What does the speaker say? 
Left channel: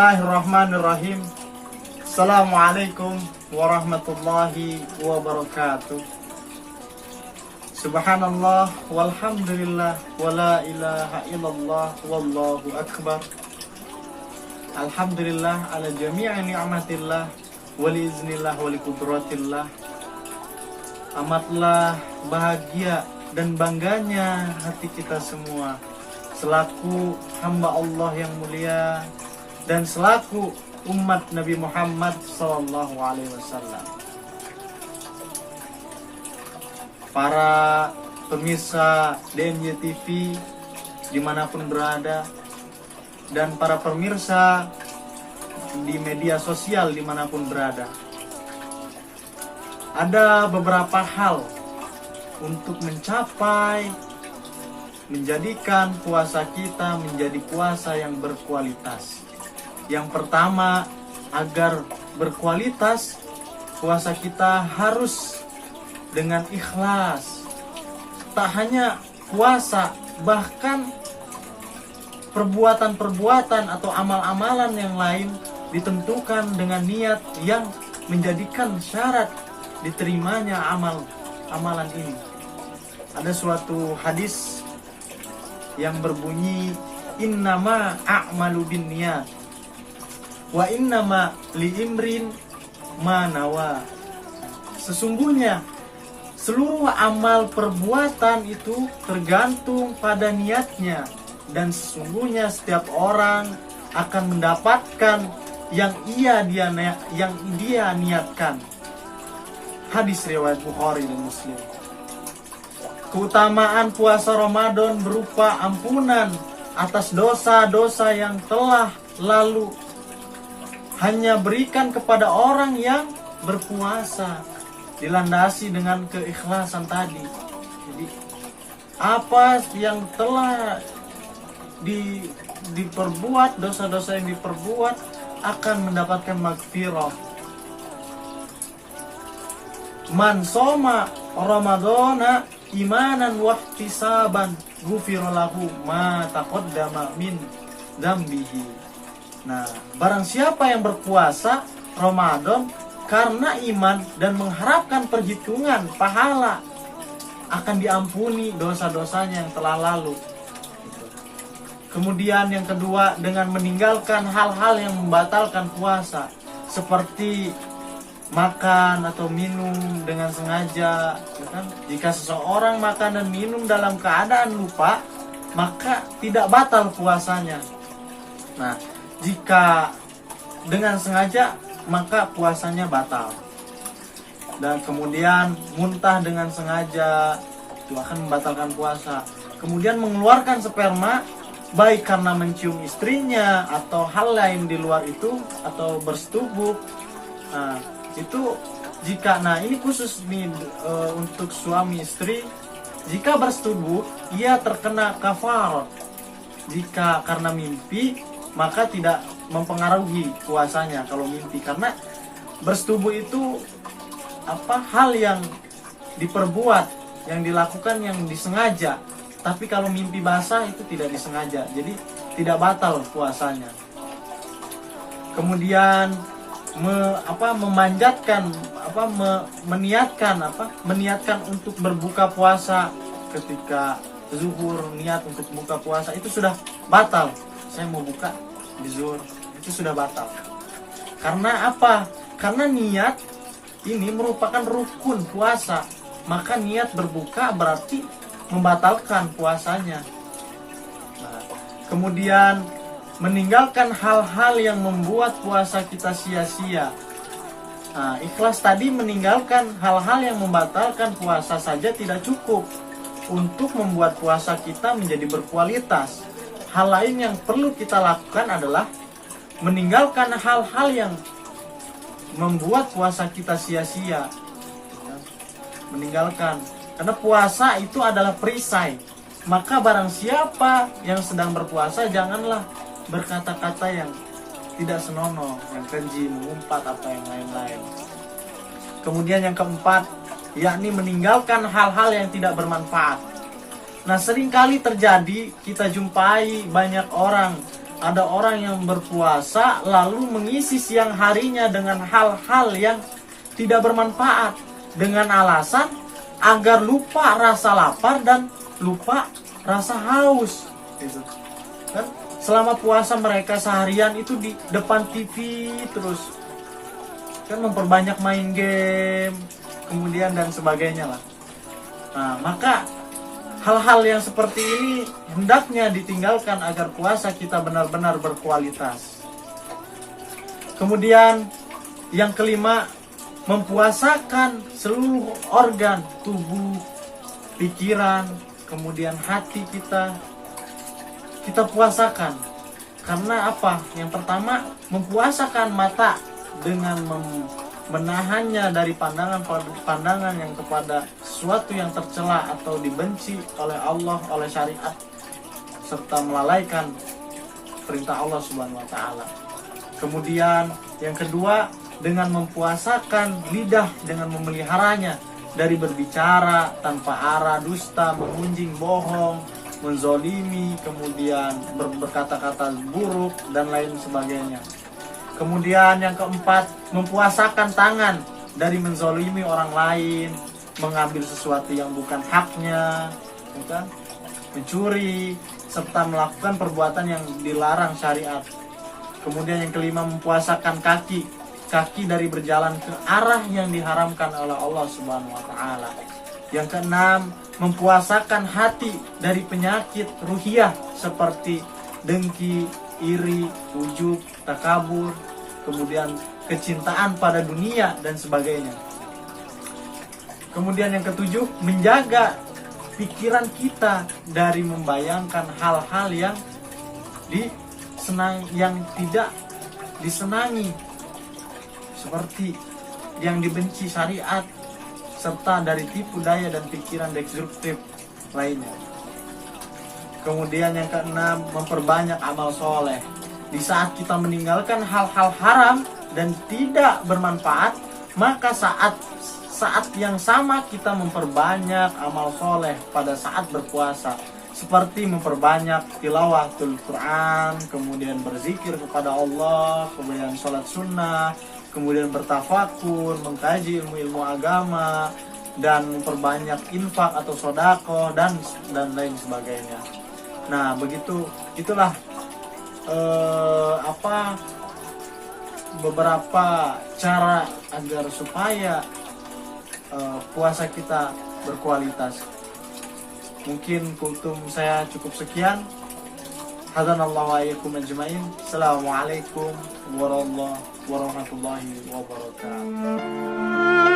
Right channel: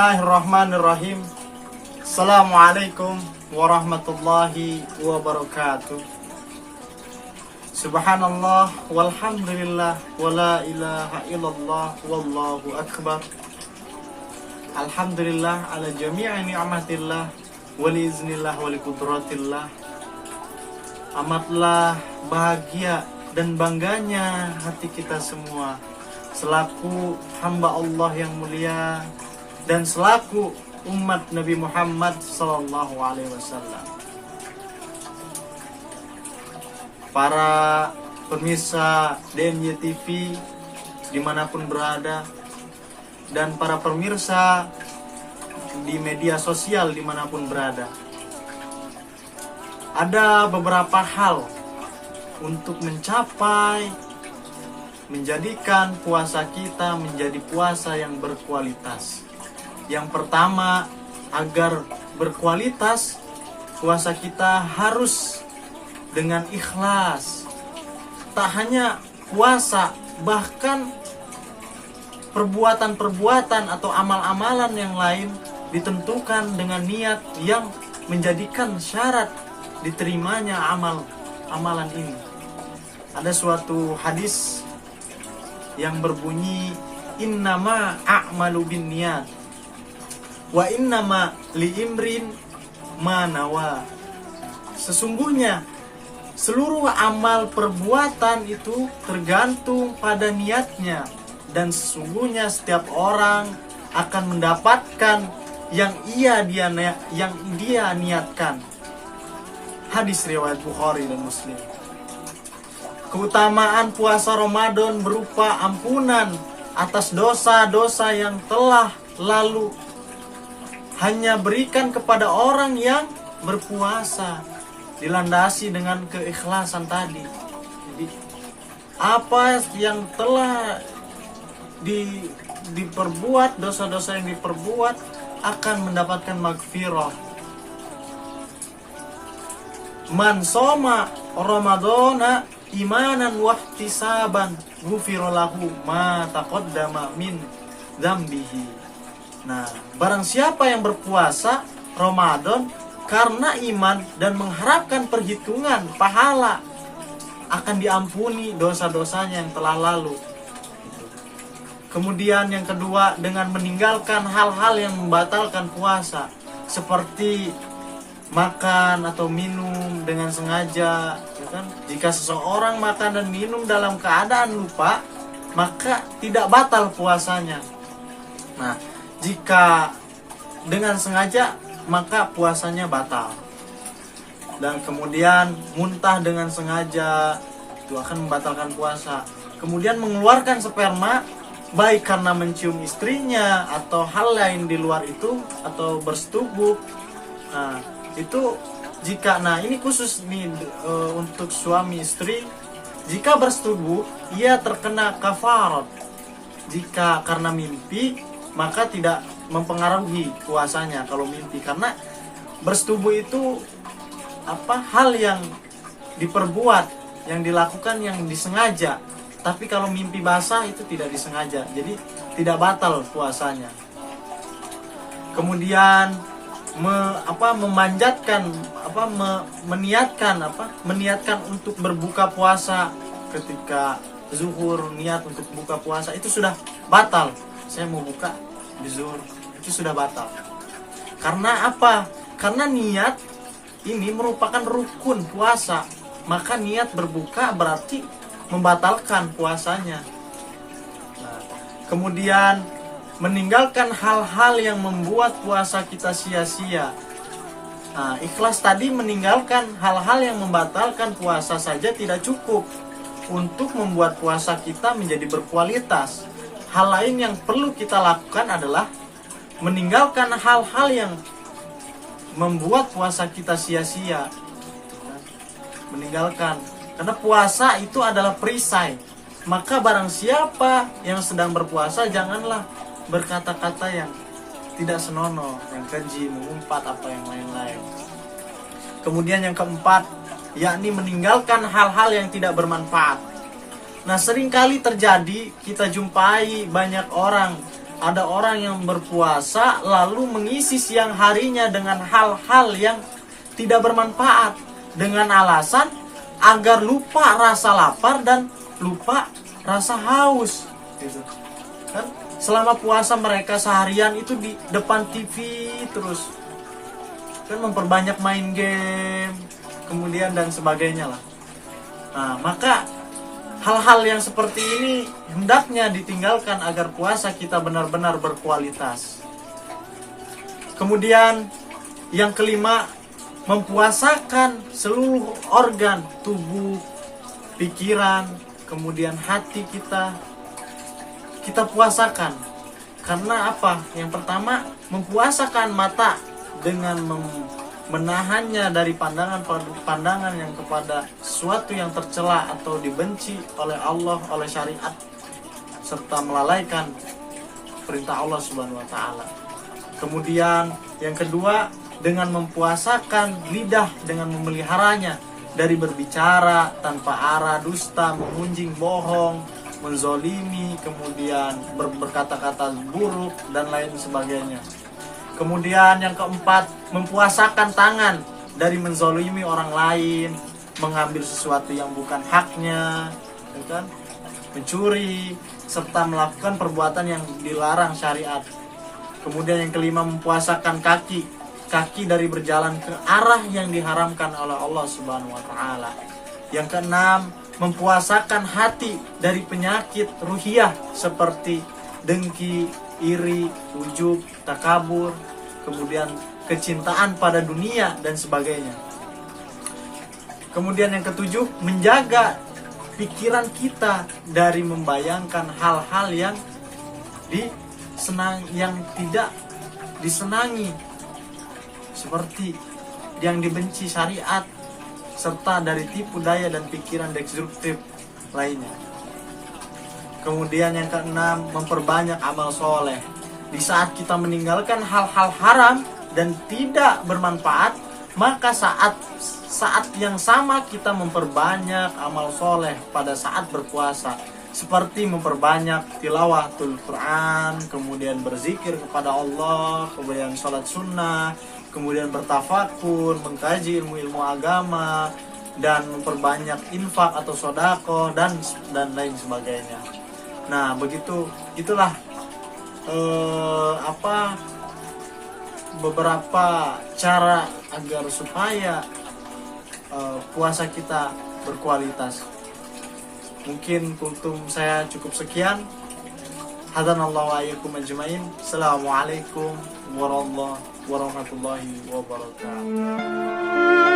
Bismillahirrahmanirrahim. Assalamualaikum warahmatullahi wabarakatuh. Subhanallah walhamdulillah wala ilaha illallah wallahu akbar. Alhamdulillah ala jami'i ni'matillah wali iznillah wali kudratillah. Amatlah bahagia dan bangganya hati kita semua selaku hamba Allah yang mulia dan selaku umat Nabi Muhammad SAW. Para pemirsa DMY TV dimanapun berada, dan para pemirsa di media sosial dimanapun berada, ada beberapa hal untuk menjadikan puasa kita menjadi puasa yang berkualitas. Yang pertama, agar berkualitas, puasa kita harus dengan ikhlas. Tak hanya puasa, bahkan perbuatan-perbuatan atau amal-amalan yang lain ditentukan dengan niat yang menjadikan syarat diterimanya amalan ini. Ada suatu hadis yang berbunyi, innama a'malu binniyat wa innama liimrin ma nawa. Sesungguhnya seluruh amal perbuatan itu tergantung pada niatnya, dan sesungguhnya setiap orang akan mendapatkan yang dia niatkan. Hadis riwayat Bukhari dan Muslim. Keutamaan puasa Ramadan berupa ampunan atas dosa-dosa yang telah lalu, hanya berikan kepada orang yang berpuasa, dilandasi dengan keikhlasan tadi. Jadi, apa yang telah diperbuat, dosa-dosa yang diperbuat akan mendapatkan magfirah. Man soma Ramadana imanan wahtisaban ghufira lahu ma taqaddama min dzambihi. Nah, barang siapa yang berpuasa Ramadan karena iman dan mengharapkan perhitungan pahala, akan diampuni dosa-dosanya yang telah lalu. Kemudian yang kedua, dengan meninggalkan hal-hal yang membatalkan puasa, seperti makan atau minum dengan sengaja, ya kan? Jika seseorang makan dan minum dalam keadaan lupa, maka tidak batal puasanya. Nah, jika dengan sengaja, maka puasanya batal. Dan kemudian muntah dengan sengaja itu akan membatalkan puasa. Kemudian mengeluarkan sperma baik karena mencium istrinya atau hal lain di luar itu, atau bersetubuh. Nah, itu jika, ini khusus nih untuk suami istri, jika bersetubuh ia terkena kafarat. Jika karena mimpi, maka tidak mempengaruhi puasanya kalau mimpi, karena bersetubuh itu hal yang diperbuat, yang dilakukan, yang disengaja. Tapi kalau mimpi basah itu tidak disengaja, jadi tidak batal puasanya. Kemudian meniatkan untuk berbuka puasa ketika zuhur, niat untuk buka puasa itu sudah batal. Saya mau buka di zuhur, itu sudah batal. Karena apa? Karena niat ini merupakan rukun puasa, maka niat berbuka berarti membatalkan puasanya. Kemudian meninggalkan hal-hal yang membuat puasa kita sia-sia. Ikhlas tadi meninggalkan hal-hal yang membatalkan puasa saja tidak cukup untuk membuat puasa kita menjadi berkualitas. Hal lain yang perlu kita lakukan adalah meninggalkan hal-hal yang membuat puasa kita sia-sia. Meninggalkan, karena puasa itu adalah perisai. Maka barang siapa yang sedang berpuasa, janganlah berkata-kata yang tidak senonoh, yang keji, mengumpat, atau yang lain-lain. Kemudian yang keempat, yakni meninggalkan hal-hal yang tidak bermanfaat. Nah, seringkali terjadi kita jumpai banyak orang ada orang yang berpuasa lalu mengisi siang harinya dengan hal-hal yang tidak bermanfaat dengan alasan agar lupa rasa lapar dan lupa rasa haus gitu. Kan selama puasa mereka seharian itu di depan TV terus, kan memperbanyak main game kemudian dan sebagainya lah. Nah, maka hal-hal yang seperti ini hendaknya ditinggalkan agar puasa kita benar-benar berkualitas. Kemudian yang kelima, mempuasakan seluruh organ tubuh, pikiran, kemudian hati kita puasakan. Karena apa? Yang pertama, mempuasakan mata dengan menahannya dari pandangan yang kepada sesuatu yang tercela atau dibenci oleh Allah, oleh syariat, serta melalaikan perintah Allah Subhanahu wa taala. Kemudian yang kedua, dengan mempuasakan lidah dengan memeliharanya dari berbicara tanpa arah, dusta, mengunjing, bohong, menzolimi, kemudian berkata-kata buruk dan lain sebagainya. Kemudian yang keempat, mempuasakan tangan dari menzolimi orang lain, mengambil sesuatu yang bukan haknya, kan? Mencuri, serta melakukan perbuatan yang dilarang syariat. Kemudian yang kelima, mempuasakan kaki dari berjalan ke arah yang diharamkan oleh Allah Subhanahu wa taala. Yang keenam, mempuasakan hati dari penyakit ruhiyah seperti dengki, iri, ujub, takabur, kemudian kecintaan pada dunia dan sebagainya. Kemudian yang ketujuh, menjaga pikiran kita dari membayangkan hal-hal yang tidak disenangi, seperti yang dibenci syariat, serta dari tipu daya dan pikiran destruktif lainnya. Kemudian yang keenam, memperbanyak amal soleh. Di saat kita meninggalkan hal-hal haram dan tidak bermanfaat, maka saat yang sama kita memperbanyak amal soleh pada saat berpuasa, seperti memperbanyak tilawatul Quran, kemudian berzikir kepada Allah, kemudian sholat sunnah, kemudian bertafakur, mengkaji ilmu-ilmu agama, dan memperbanyak infak atau sodako dan lain sebagainya. Nah, itulah beberapa cara agar supaya puasa kita berkualitas. Mungkin kultum saya cukup sekian. Hadanallahu wa iyyakum ajmain. Assalamualaikum warahmatullahi wabarakatuh.